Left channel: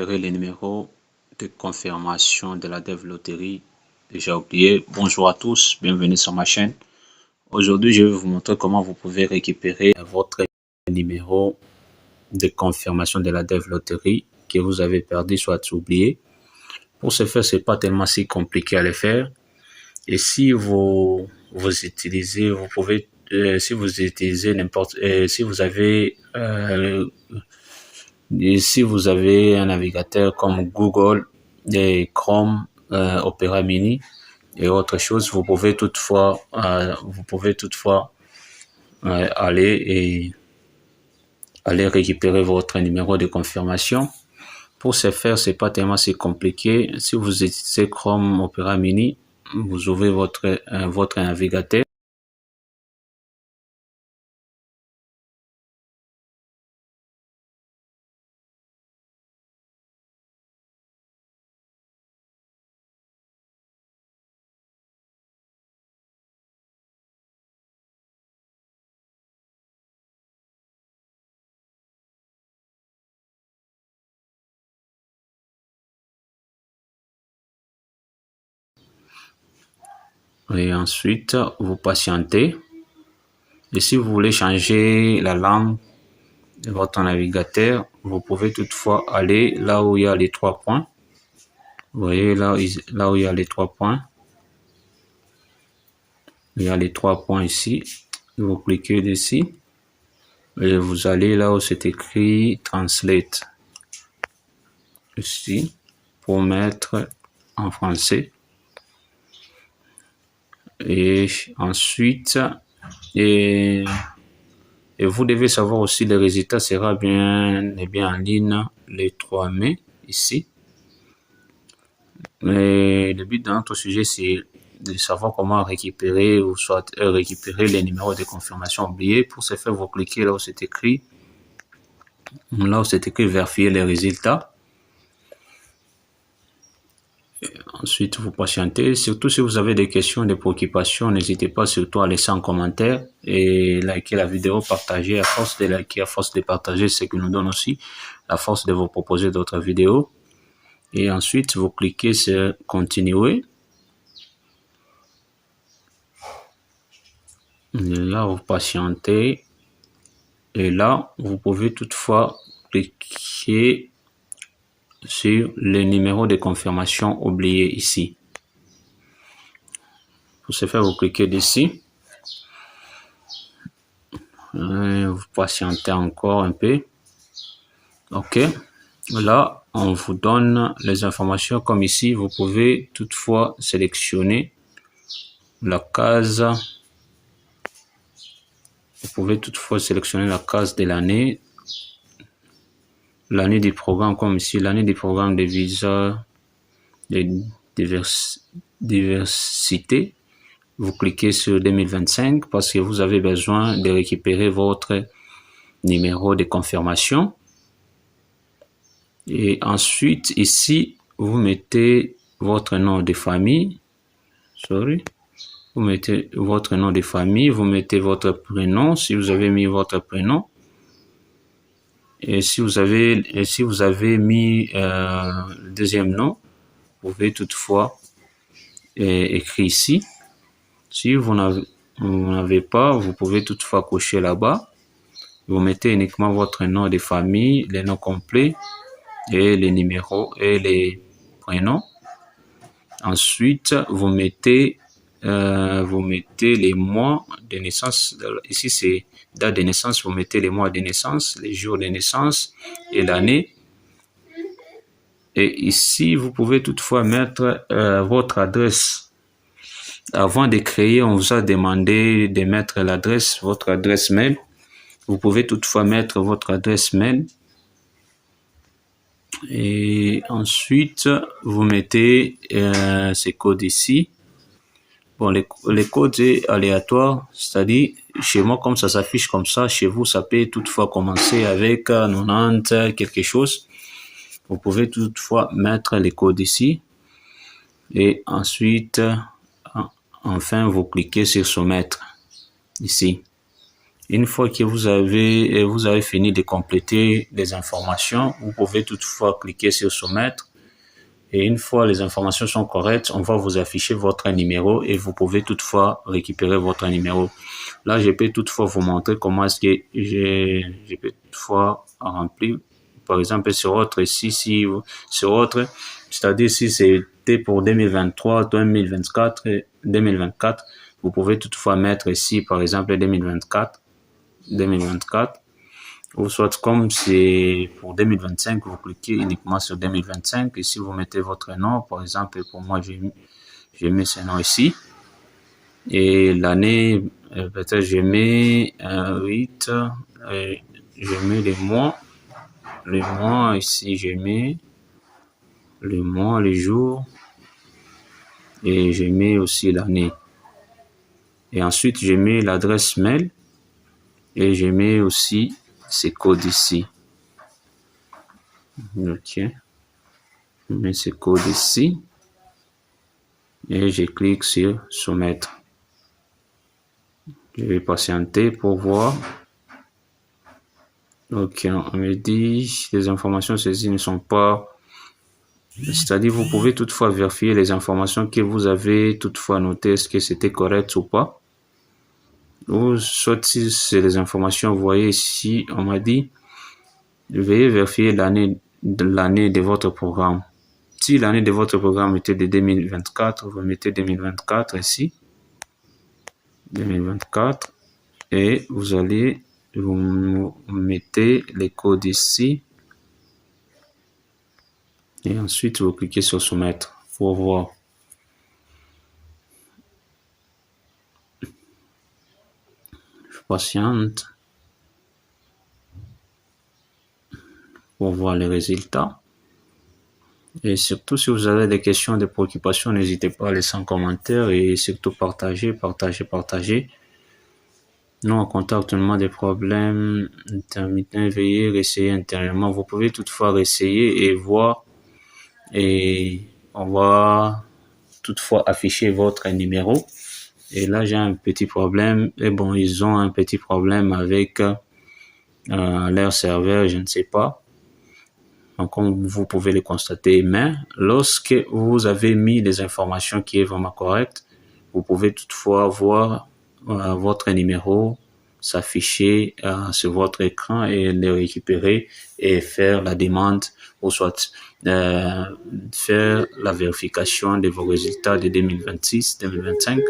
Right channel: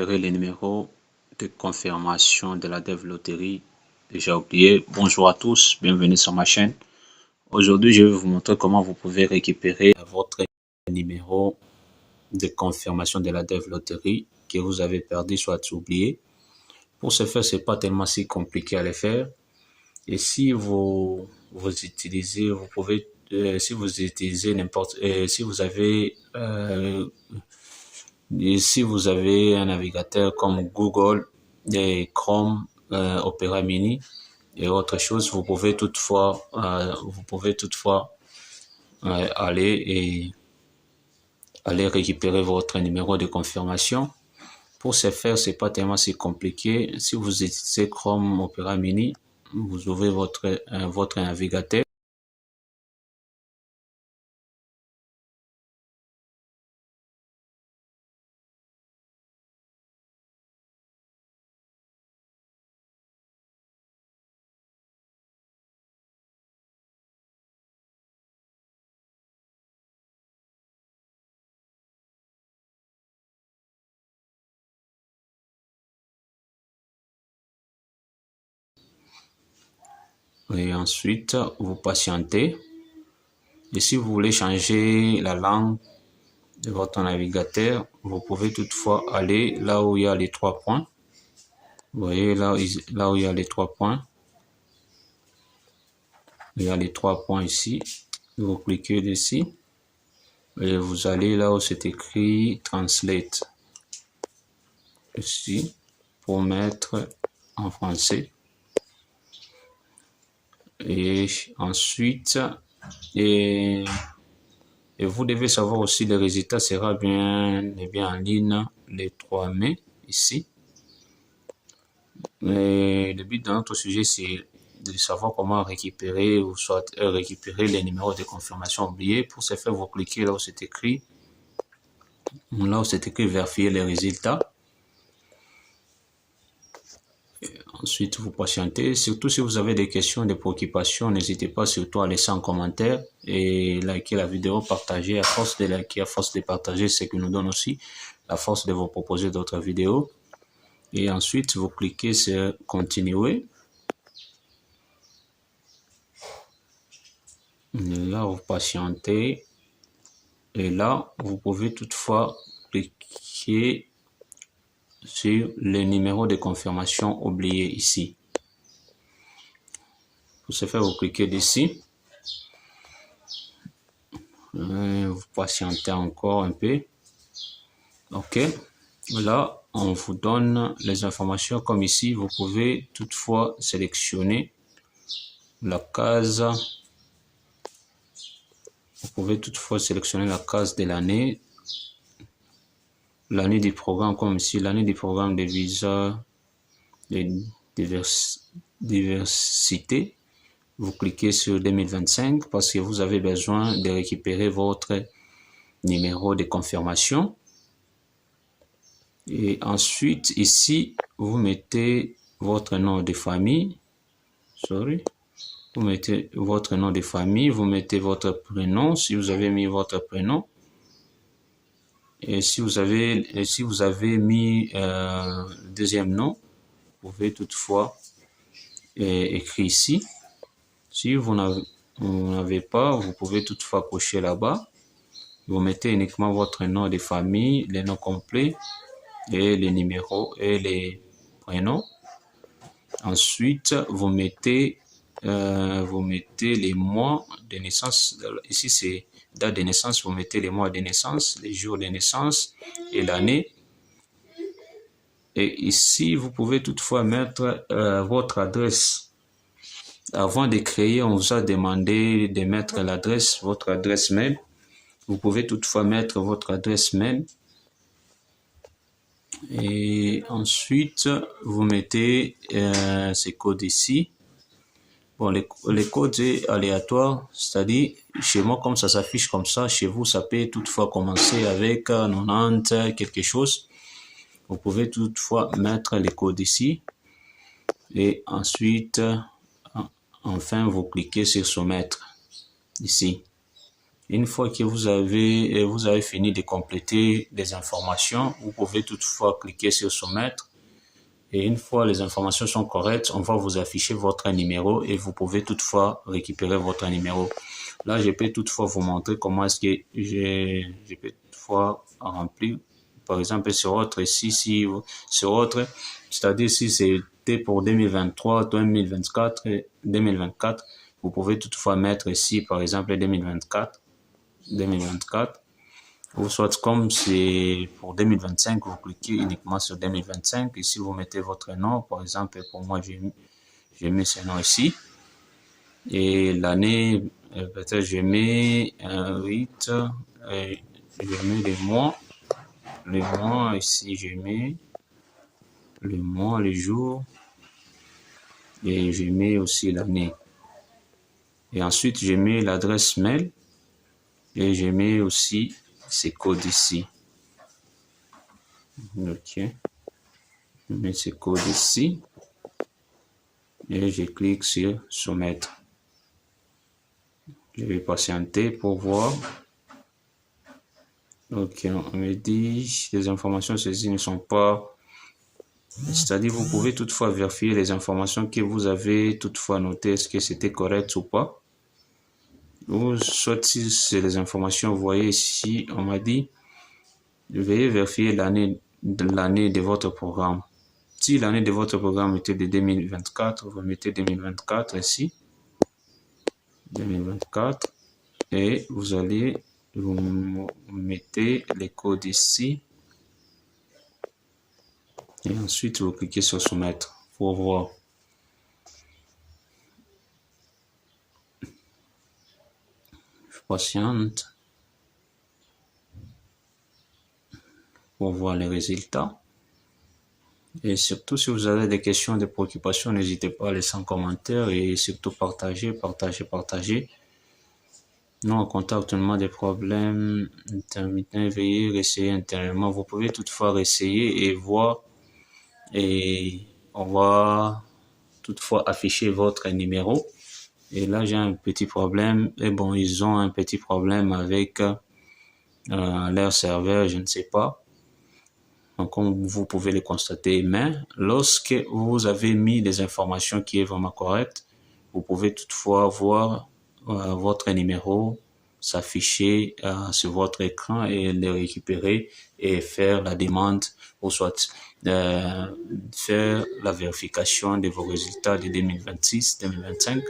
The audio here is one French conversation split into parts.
récupérer les numéros de confirmation de la Dev Lottery déjà oublié. Bonjour à tous, bienvenue sur ma chaîne. Aujourd'hui, je vais vous montrer comment vous pouvez récupérer votre numéro de confirmation de la Dev Lottery que vous avez perdu soit oublié. Pour ce faire, c'est pas tellement si compliqué à le faire. Et si vous utilisez, vous pouvez, si vous utilisez n'importe, si vous avez un navigateur comme Google et Chrome, Opera Mini et autre chose, vous pouvez toutefois aller récupérer votre numéro de confirmation. Pour ce faire, c'est pas tellement si compliqué. Si vous utilisez Chrome Opera Mini, vous ouvrez votre navigateur. Et ensuite, vous patientez. Et si vous voulez changer la langue de votre navigateur, vous pouvez toutefois aller là où il y a les 3 points. Vous voyez là où il y a les 3 points. Il y a les 3 points ici. Vous cliquez dessus. Et vous allez là où c'est écrit Translate. Ici, pour mettre en français. Et ensuite, et vous devez savoir aussi le résultat sera bien en ligne le 3 mai ici. Mais le but de notre sujet, c'est de savoir comment récupérer ou soit récupérer les numéros de confirmation oubliés. Pour ce faire, vous cliquez là où c'est écrit vérifier les résultats. Ensuite, vous patientez. Surtout si vous avez des questions, des préoccupations, n'hésitez pas surtout à laisser un commentaire et liker la vidéo, partager. À force de liker, à force de partager, c'est ce qui nous donne aussi la force de vous proposer d'autres vidéos. Et ensuite, vous cliquez sur continuer. Et là, vous patientez. Et là, vous pouvez toutefois cliquer sur le numéro de confirmation oublié ici. Pour ce faire, vous cliquez dessus. Vous patientez encore un peu. OK. Là, on vous donne les informations comme ici. Vous pouvez toutefois sélectionner la case. Vous pouvez toutefois sélectionner la case de l'année. L'année du programme comme ici. L'année du programme de visa de diversité. Vous cliquez sur 2025 parce que vous avez besoin de récupérer votre numéro de confirmation. Et ensuite, ici, vous mettez votre nom de famille. Vous mettez votre nom de famille, vous mettez votre prénom, si vous avez mis votre prénom. Et si vous avez mis le deuxième nom, vous pouvez toutefois écrire ici. Si vous n'avez pas, vous pouvez toutefois cocher là-bas. Vous mettez uniquement votre nom de famille, les noms complets et les numéros et les prénoms. Ensuite, vous mettez les mois de naissance. Ici, c'est date de naissance. Vous mettez les mois de naissance, les jours de naissance et l'année. Et ici, vous pouvez toutefois mettre votre adresse. Avant de créer, on vous a demandé de mettre l'adresse, votre adresse mail. Vous pouvez toutefois mettre votre adresse mail. Et ensuite, vous mettez ces codes ici. Bon, les codes est aléatoire, c'est-à-dire, chez moi, comme ça s'affiche comme ça, chez vous, ça peut toutefois commencer avec 90, quelque chose. Vous pouvez toutefois mettre les codes ici. Et ensuite, enfin, vous cliquez sur soumettre ici. Une fois que vous avez fini de compléter les informations, vous pouvez toutefois cliquer sur soumettre. Et une fois les informations sont correctes, on va vous afficher votre numéro et vous pouvez toutefois récupérer votre numéro. Là, je peux toutefois vous montrer comment est-ce que je peux toutefois remplir. Par exemple, sur autre ici, sur autre, c'est-à-dire si c'était pour 2023, 2024, vous pouvez toutefois mettre ici, par exemple, 2024, ou soit comme c'est pour 2025, vous cliquez uniquement sur 2025 et si vous mettez votre nom, par exemple, pour moi, j'ai mis ce nom ici et l'année, peut-être j'ai mis 8, je mets les mois ici, j'ai mis le mois, les jours et j'ai mis aussi l'année. Et ensuite, j'ai mis l'adresse mail et j'ai mis aussi ces codes ici. Ok. Je mets ces codes ici et je clique sur soumettre. Je vais patienter pour voir. Ok, on me dit les informations saisies ne sont pas. C'est-à-dire, vous pouvez toutefois vérifier les informations que vous avez toutefois notées, est-ce que c'était correct ou pas. Ou soit si c'est les informations, vous voyez ici, on m'a dit, veuillez vérifier l'année de votre programme. Si l'année de votre programme était de 2024, vous mettez 2024 ici. 2024. Et vous mettez les codes ici. Et ensuite, vous cliquez sur soumettre pour voir. Je patiente pour voir les résultats. Et surtout, si vous avez des questions, des préoccupations, n'hésitez pas à laisser un commentaire et surtout partager. Nous, en contactement des problèmes intermittents, veuillez réessayer intérieurement. Vous pouvez toutefois réessayer et voir. Et on va toutefois afficher votre numéro. Et là, j'ai un petit problème. Et bon, ils ont un petit problème avec leur serveur, je ne sais pas. Donc, comme vous pouvez le constater, mais lorsque vous avez mis les informations qui est vraiment correctes, vous pouvez toutefois voir votre numéro s'afficher sur votre écran et le récupérer et faire la demande ou soit faire la vérification de vos résultats de 2026, 2025.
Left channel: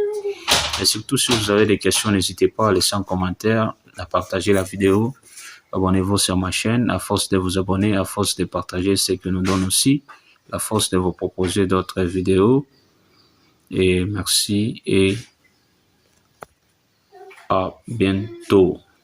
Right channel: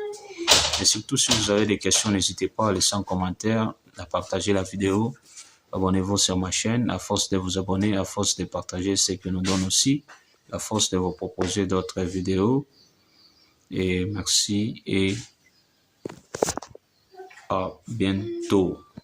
Et surtout, si vous avez des questions, n'hésitez pas à laisser un commentaire, à partager la vidéo. Abonnez-vous sur ma chaîne. À force de vous abonner, à force de partager ce que nous donne aussi, à force de vous proposer d'autres vidéos. Et merci et à bientôt.